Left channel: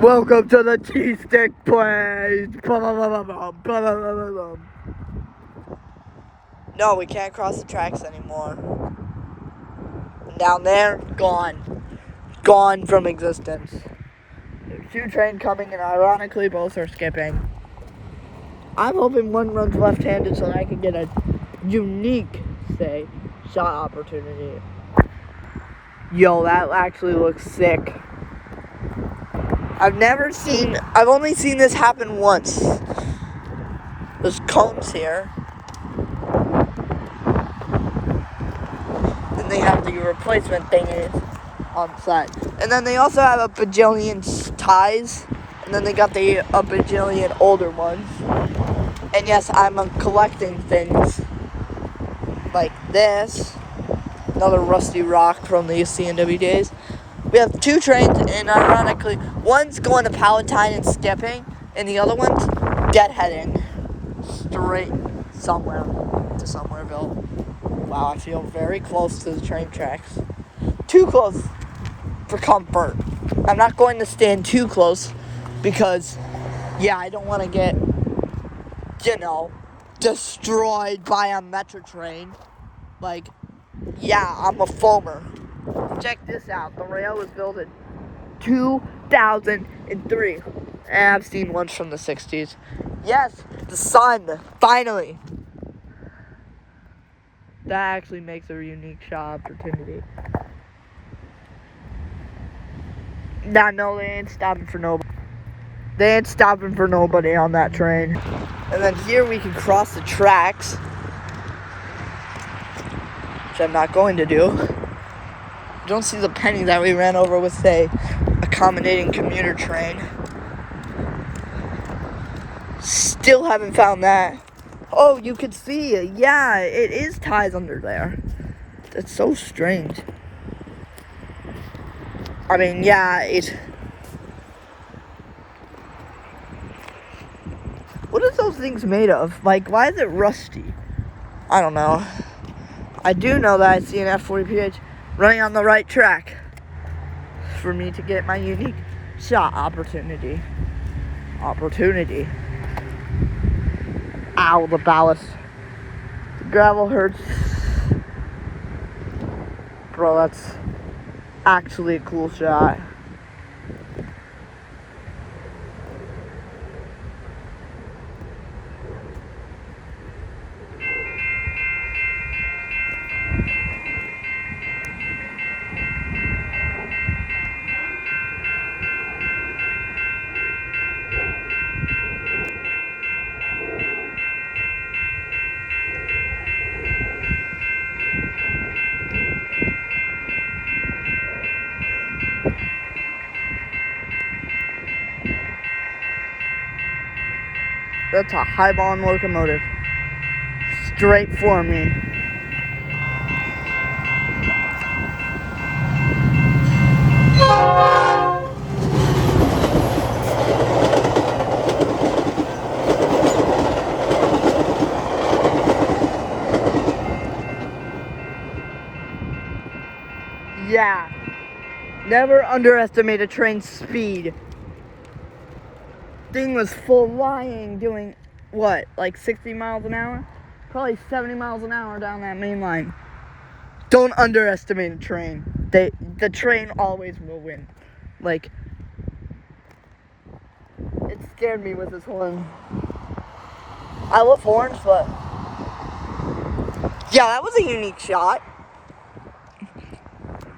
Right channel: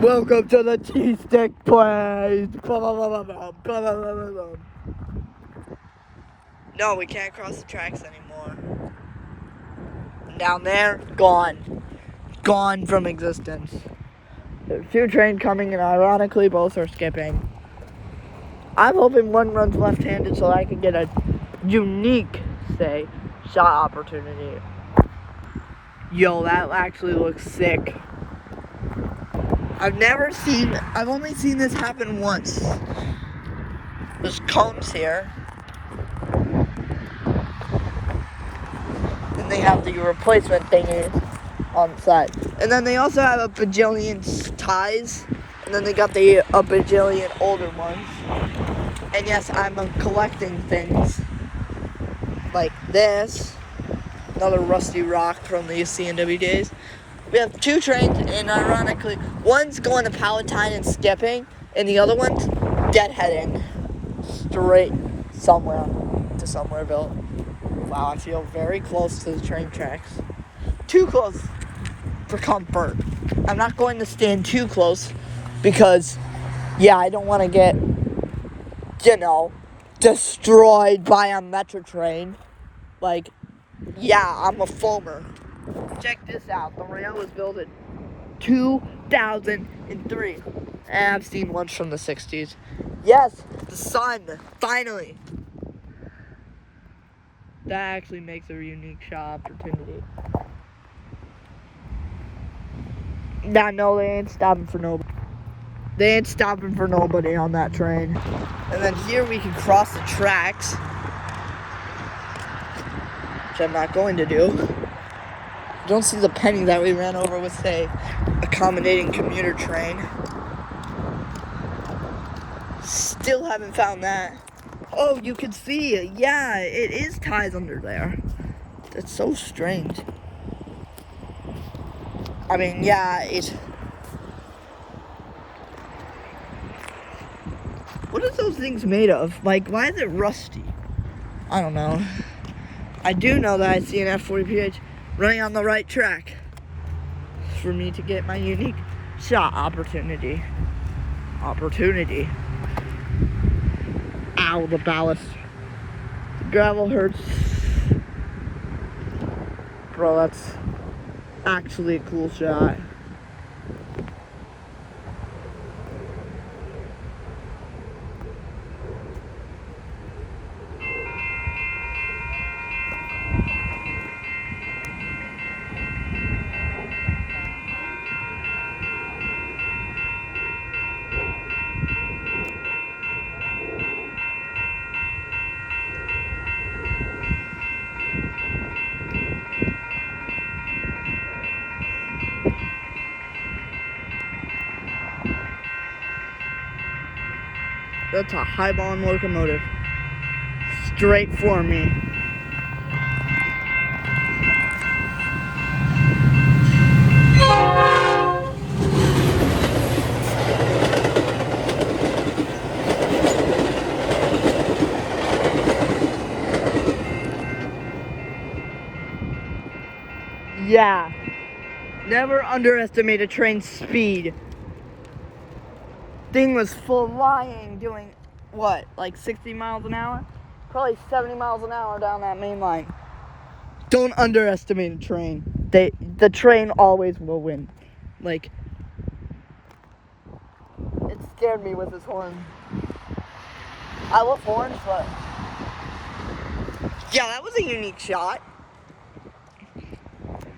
Welcome to the cheese stick place. No, we can't cross the tracks anymore. Down there, gone. Gone from existence. There's two trains coming and ironically both are skipping. I'm hoping one runs left-handed so I can get a unique, shot opportunity. Yo, that actually looks sick. I've only seen this happen once. There's cones here. Then they have the replacement thingy on the side. And then they also have a bajillion ties. And then they got a bajillion older ones. And yes, I'm collecting things like this. Another rusty rock from the CNW days. We have two trains, and ironically, one's going to Palatine and skipping, and the other one's deadheading straight somewhere to Somewhereville. Wow, I feel very close to the train tracks. Too close for comfort. I'm not going to stand too close because, I don't want to get, destroyed by a Metra train. I'm a foamer. Check this out. The rail was built in 2003. And I've seen ones from the 60s. Yes, the sun, finally. That actually makes a unique shot opportunity. No, they ain't stopping for nobody. They ain't stopping for nobody on that train. And then here we can cross the tracks, which I'm not going to do. Don't see the penny that we ran over with, accommodating commuter train. Still haven't found that. Oh, you can see, it is ties under there. That's so strange. I mean, what are those things made of? Why is it rusty? I don't know. I do know that I see an F40PH running on the right track for me to get my unique shot opportunity. Ow, the ballast. The gravel hurts. Bro, that's actually a cool shot. That's a high-volume locomotive. Straight for me. Yeah. Never underestimate a train's speed. Thing was flying, doing what, 60 miles an hour? Probably 70 miles an hour down that main line. Don't underestimate a train. The train always will win. It scared me with his horn. I love horns, but that was a unique shot.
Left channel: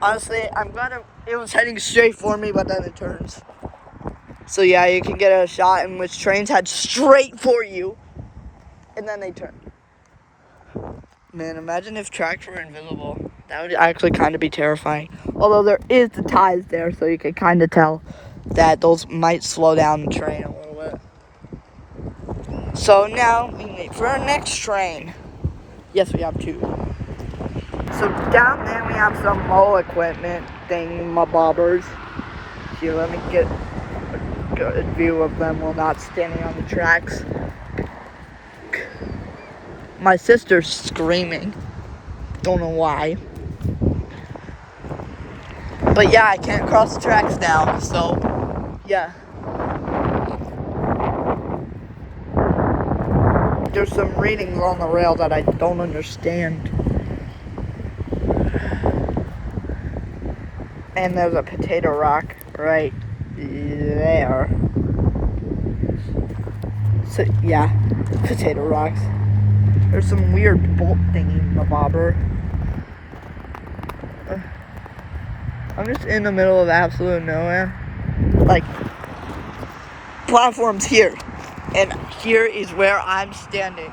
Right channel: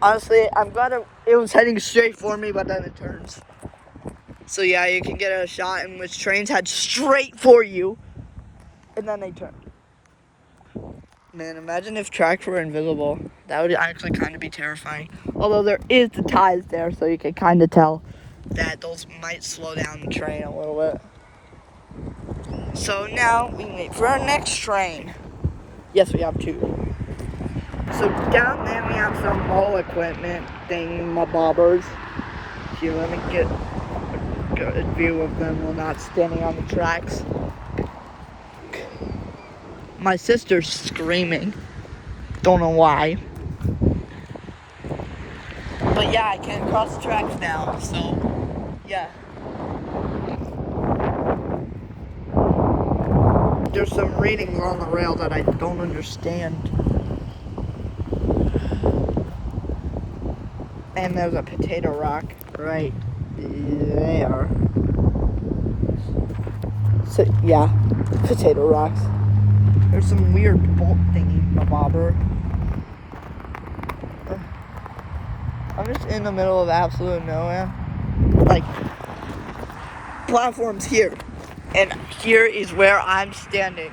Honestly, I'm glad it was heading straight for me, but then it turns. So you can get a shot in which trains head straight for you, and then they turn. Man, imagine if tracks were invisible. That would actually kind of be terrifying. Although there is the ties there, so you can kind of tell that those might slow down the train a little bit. So now we wait for our next train. Yes, we have two. So down there we have some mole equipment thing-mabobbers. Here, let me get a good view of them while not standing on the tracks. My sister's screaming. Don't know why. But I can't cross the tracks now, so but there's some readings on the rail that I don't understand. And there's a potato rock right there. So, yeah, potato rocks. There's some weird bolt thingy, mabobber. I'm just in the middle of absolute nowhere. Like, platform's here. And here is where I'm standing.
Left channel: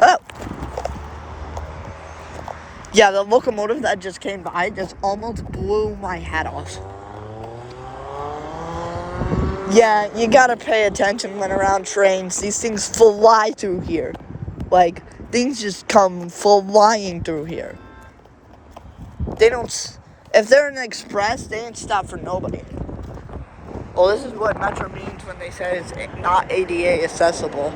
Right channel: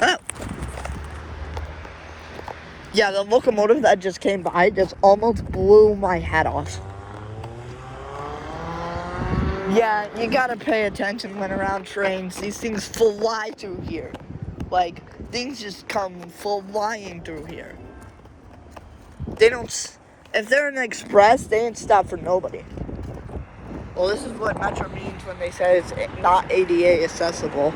Oh. Yeah, the locomotive that just came by just almost blew my hat off. Yeah, you gotta pay attention when around trains. These things fly through here. Like, things just come flying through here. They don't, if they're an express, they ain't stop for nobody. Well, this is what Metra means when they say it's not ADA accessible.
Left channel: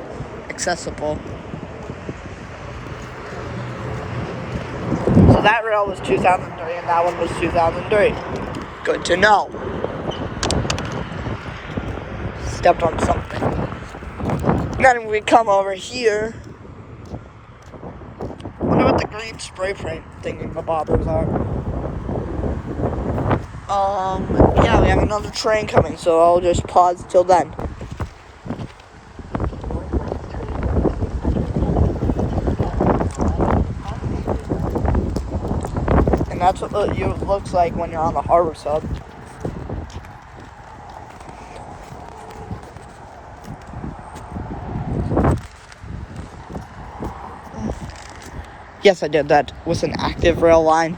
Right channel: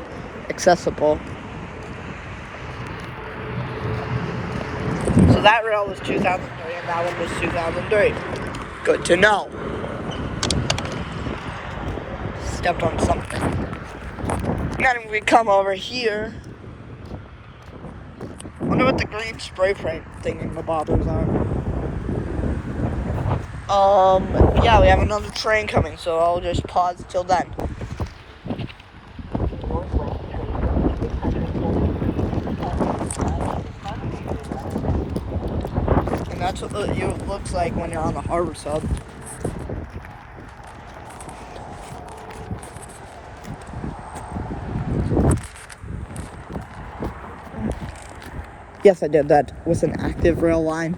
So that rail was 2003 and that one was 2003. Good to know. Stepped on something. Then we come over here. Wonder what the green spray paint thing in the bobber's on. Yeah, we have another train coming, so I'll just pause till then. And that's what it looks like when you're on the harbor sub. Yes, I did. That was an active rail line.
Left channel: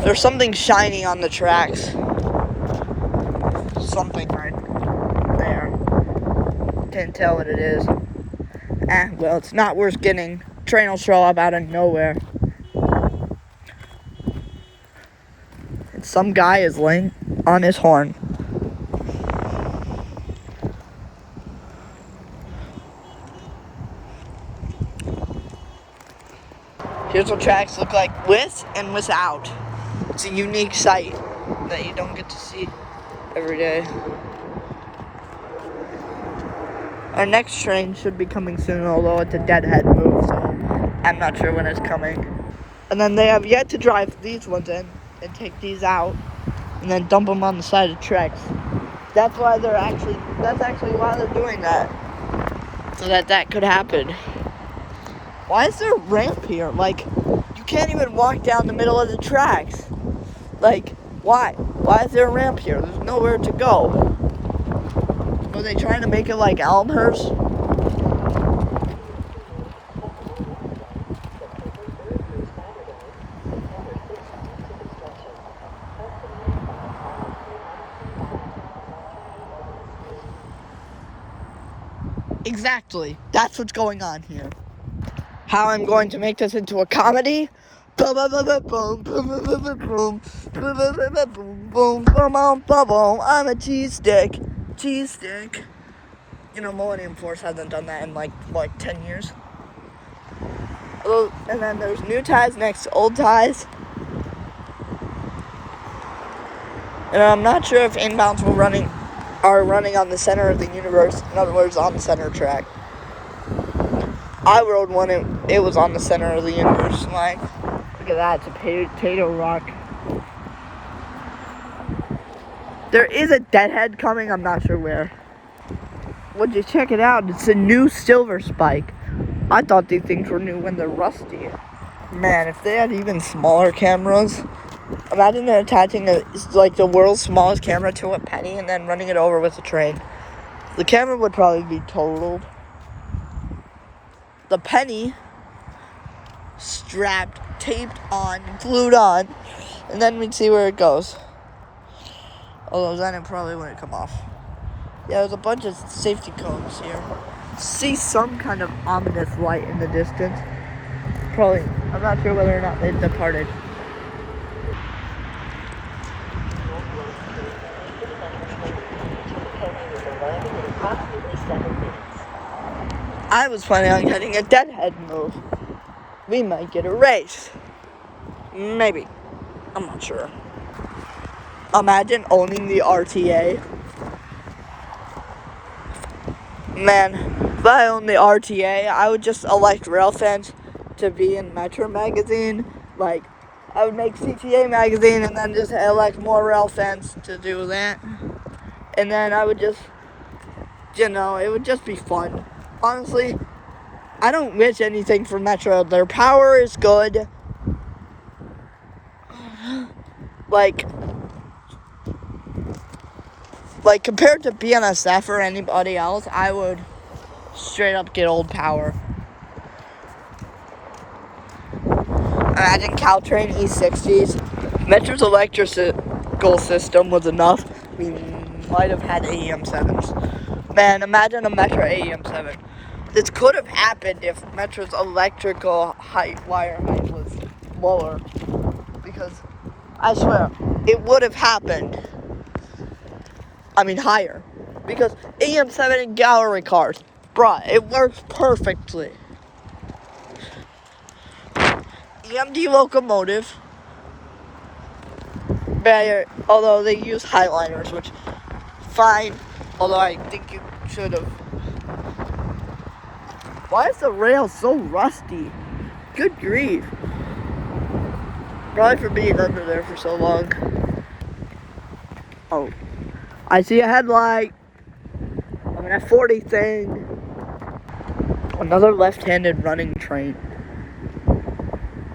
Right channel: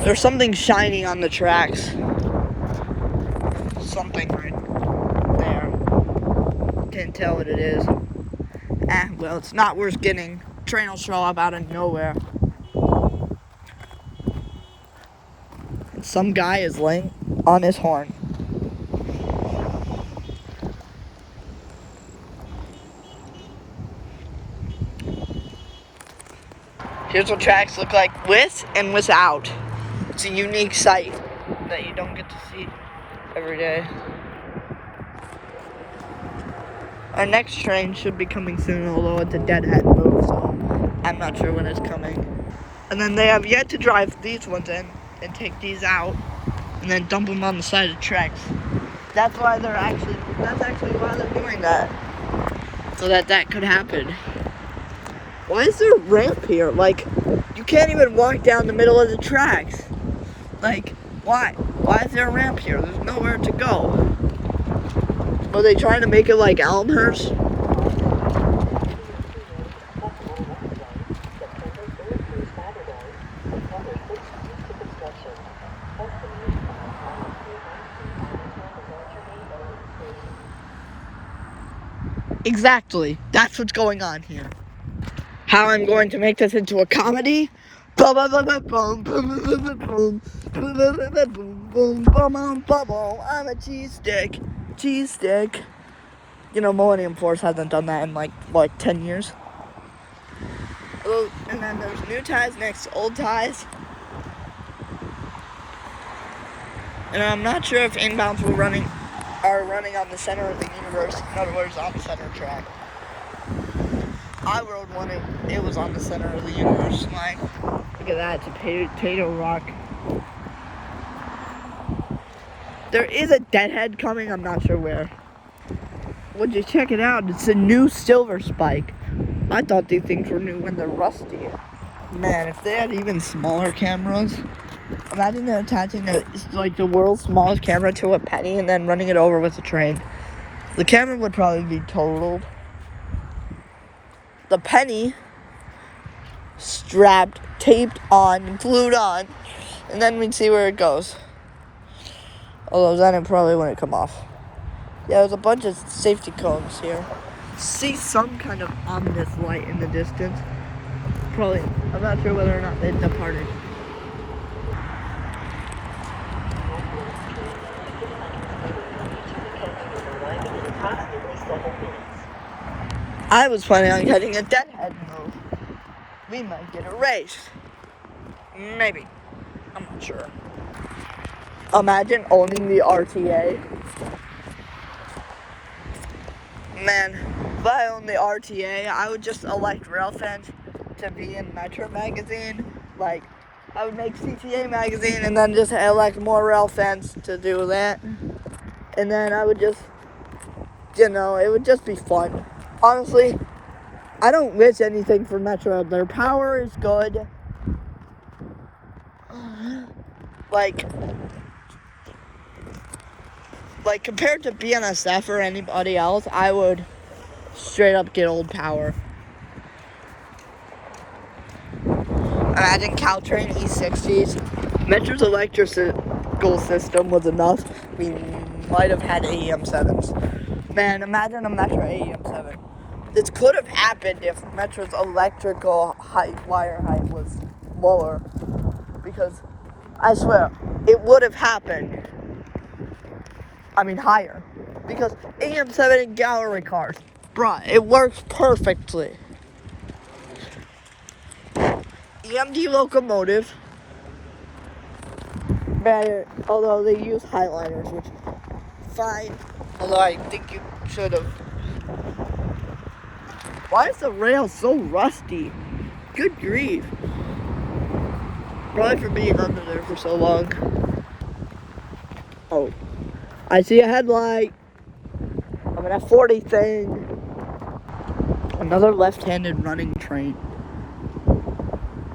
There's something shiny on the tracks. Something right there. Can't tell what it is. Well, it's not worth getting. Train will show up out of nowhere. And some guy is laying on his horn. Here's what tracks look like with and without. It's a unique sight that you don't get to see every day. Our next train should be coming soon, although it's a deadhead move, so I'm not sure when it's coming. And then they have yet to drive these ones in and take these out and then dump them on the side of the tracks. That's actually why they're doing that. So that could happen. Why is there a ramp here? Like, you can't even walk down the middle of the tracks. Like, why? Why is there a ramp here? There's nowhere to go. Are they trying to make it like Elmhurst? Exactly. That's what's going on here. How I'm going to make this into a comedy? I'm a cheese stick. You know, Millennium Force hasn't done that in like 10 years. And then there's new ties next to old ties. And I'm not sure if inbounds are running on the center of the universe. In other words, on the center track. I rode one, it was on the center of the universe line. Look at that, it's a potato rock. There is a deadhead coming, I'm not sure where. Would you check it out? It's a new silver spike. I thought these things were new when they're rusty. Man, if they had even smaller cameras, imagine attaching the world's smallest camera to a penny and then running it over with a train. The camera would probably be totaled. The penny strapped, taped on, glued on, and then we'd see where it goes. Although then it probably wouldn't come off. Yeah, there's a bunch of safety cones here. See some kind of ominous light in the distance. Probably, I'm not sure whether or not they departed. I was planning on getting a deadhead move. We might get a race. Maybe. I'm not sure. Imagine owning the RTA. Man, if I owned the RTA, I would just elect rail fans to be in Metra magazine. Like, I would make CTA magazine and then just elect more rail fans to do that. And then I would just, it would just be fun. Honestly, I don't wish anything for Metro. Their power is good. Like compared to BNSF or anybody else, I would straight up get old power. Imagine Caltrain E60s. Metro's electrical system was enough. We might have had AEM7s. Man, imagine a Metra AEM7. This could have happened if Metro's electrical wire height was lower. Because, I swear, it would have happened. Higher. Because AEM7 and gallery cars, bruh, it works perfectly. EMD locomotive, better, although they use highliners, which, fine, although I think you should have. Why is the rail so rusty? Good grief. Probably for being under there for so long. Oh, I see a headlight. I'm an F40 thing. Another left-handed running train.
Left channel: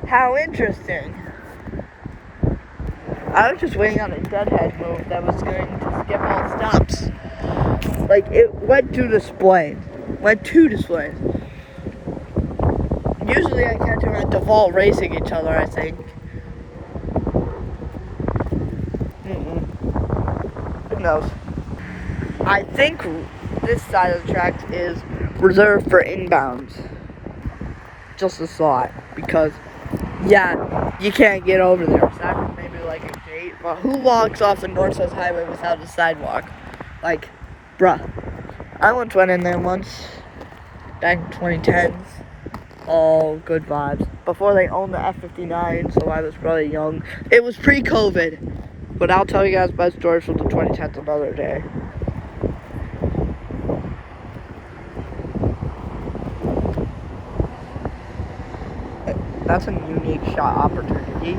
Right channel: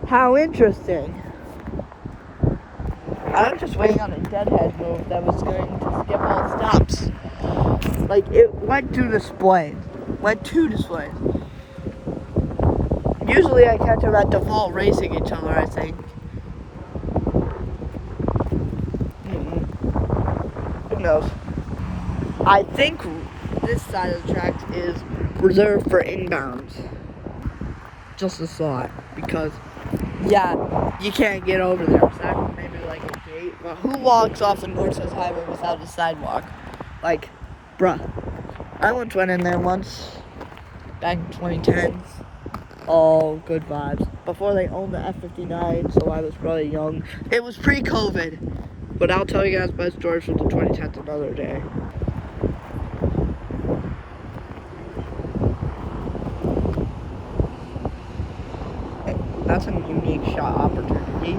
How interesting. I was just waiting on a deadhead move that was going to skip all stops. Like, it went to display. Usually I catch them at default racing each other, I think. Who knows? I think this side of the tracks is reserved for inbounds. Just a thought. Because, yeah, you can't get over there. Except maybe like a gate. But who walks off the North-South Highway without a sidewalk? Like, bruh. I once went in there once. Back in 2010s. All good vibes. Before they owned the F59, so I was probably young. It was pre-COVID. But I'll tell you guys my stories from the 2010s another day. That's a unique shot opportunity.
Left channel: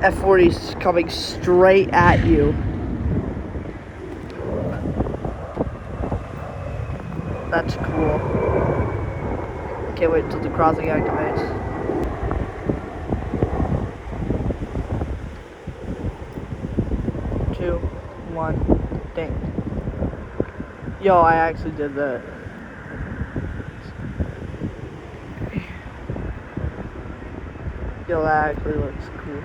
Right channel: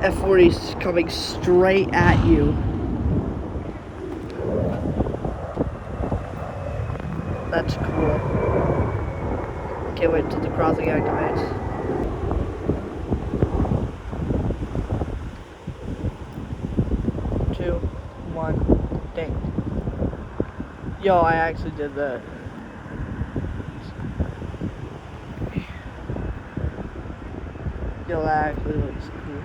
F40's coming straight at you. That's cool. Can't wait till the crossing activates. Two, one, ding. Yo, I actually did that. Yo, that actually looks cool.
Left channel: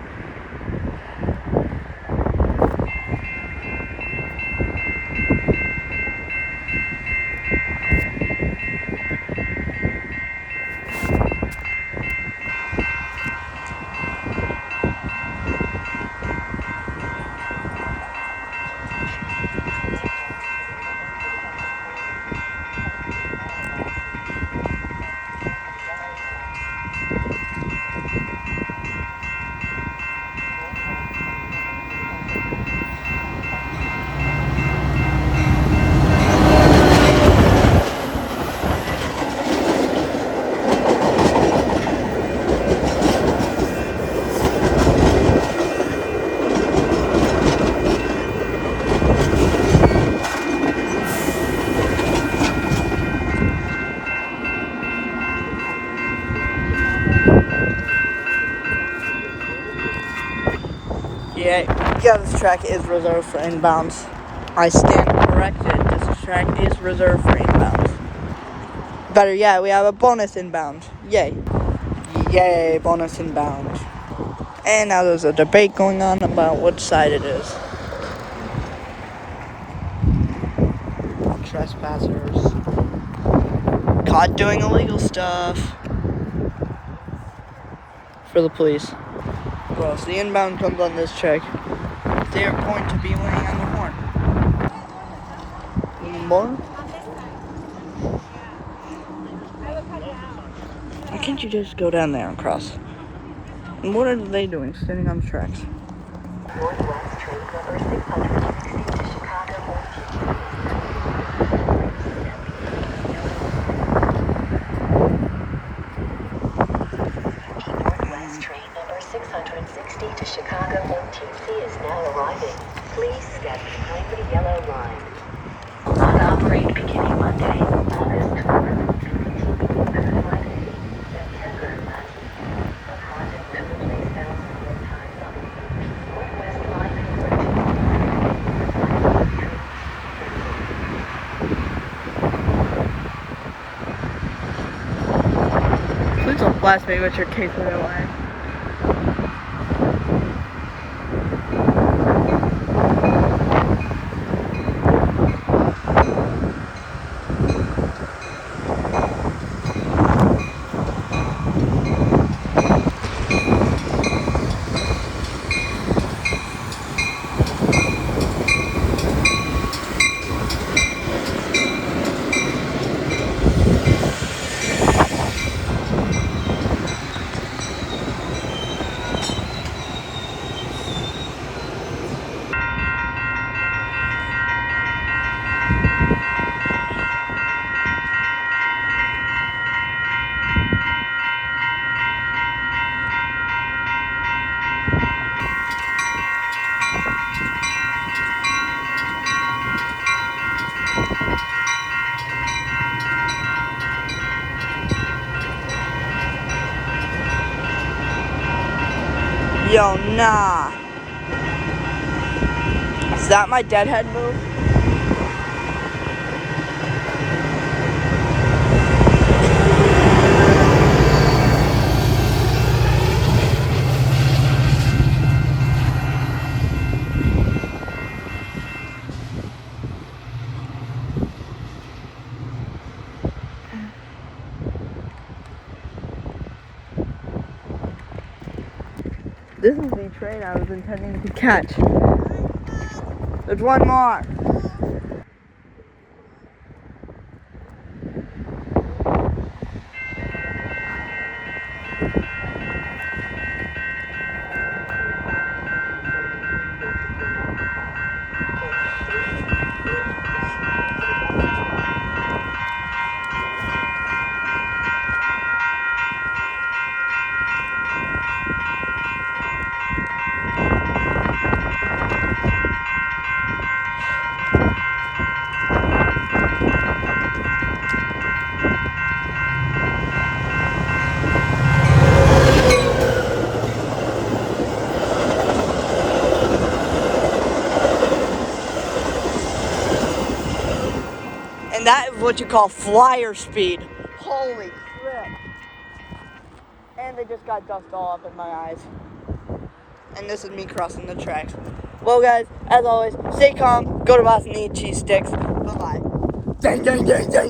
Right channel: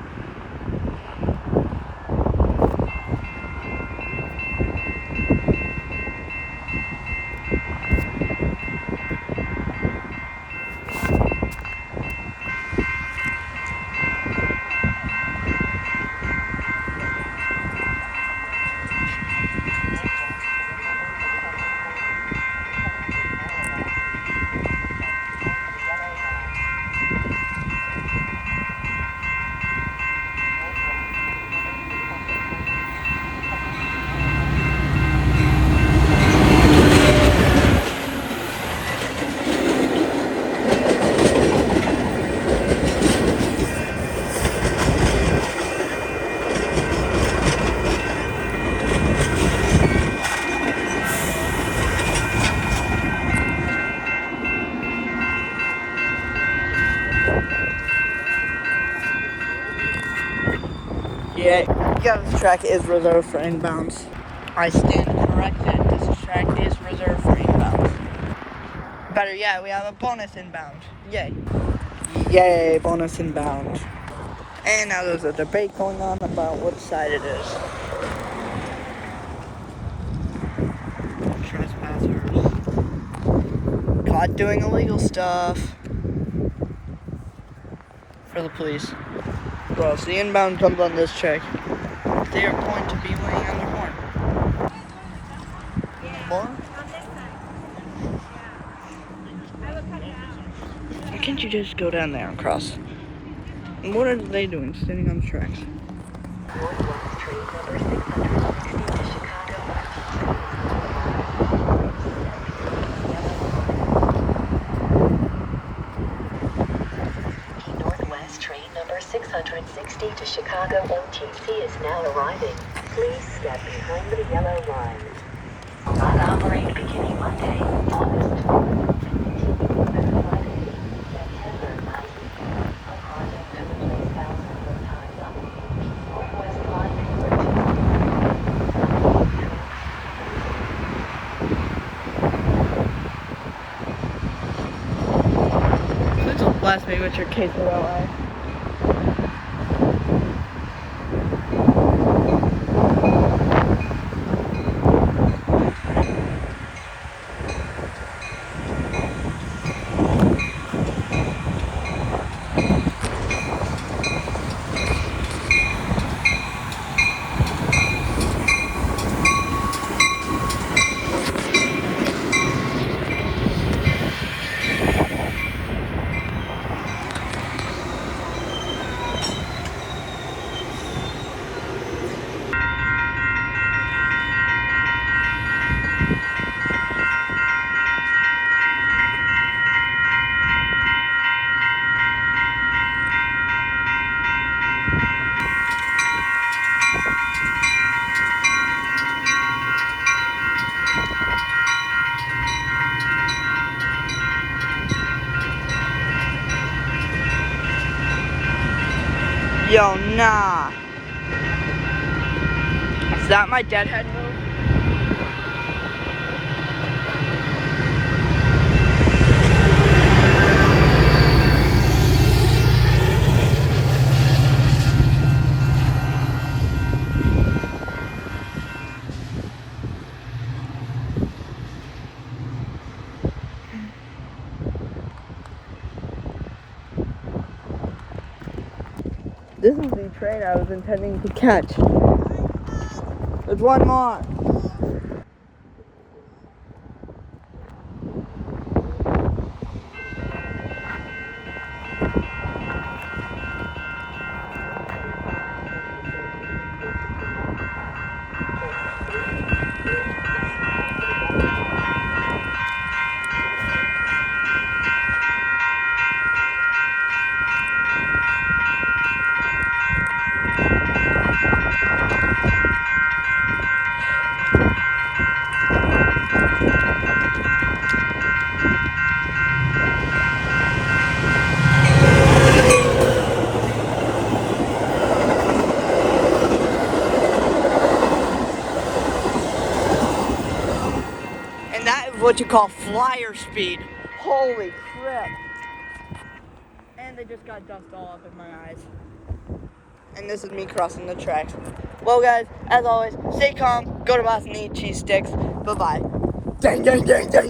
Yeah, this track is reserved for inbounds. I stand corrected. This track is reserved for inbounds. Better yet, we have a bonus inbound. Yay. Yay, bonus inbound. And now there's a debate going on about which side it is. Trespassers. Caught doing illegal stuff. For the police. Well, if the inbound comes on this track, they are going to be laying on the horn. Any more? Why can't you just go down there and cross? And what are they doing, standing on the tracks? Northwest train number 660 to Chicago. Northwest train number 660 to Chicago OTC is now arriving. Please step behind the yellow line. Will not operate beginning Monday, August 4th, and continuing through Friday, September 9th. A project to replace thousands of ties on the Northwest line Please don't blast me with your case of LA. Yo, nah. Is that my deadhead move? This is the train I was intending to catch. There's one more. And that is what you call flyer speed. Holy crap. And they just got dust all up in my eyes. And this is me crossing the tracks. Well, guys, as always, stay calm, go to Boston, eat cheese sticks. Bye-bye. Dang, dang, dang, dang.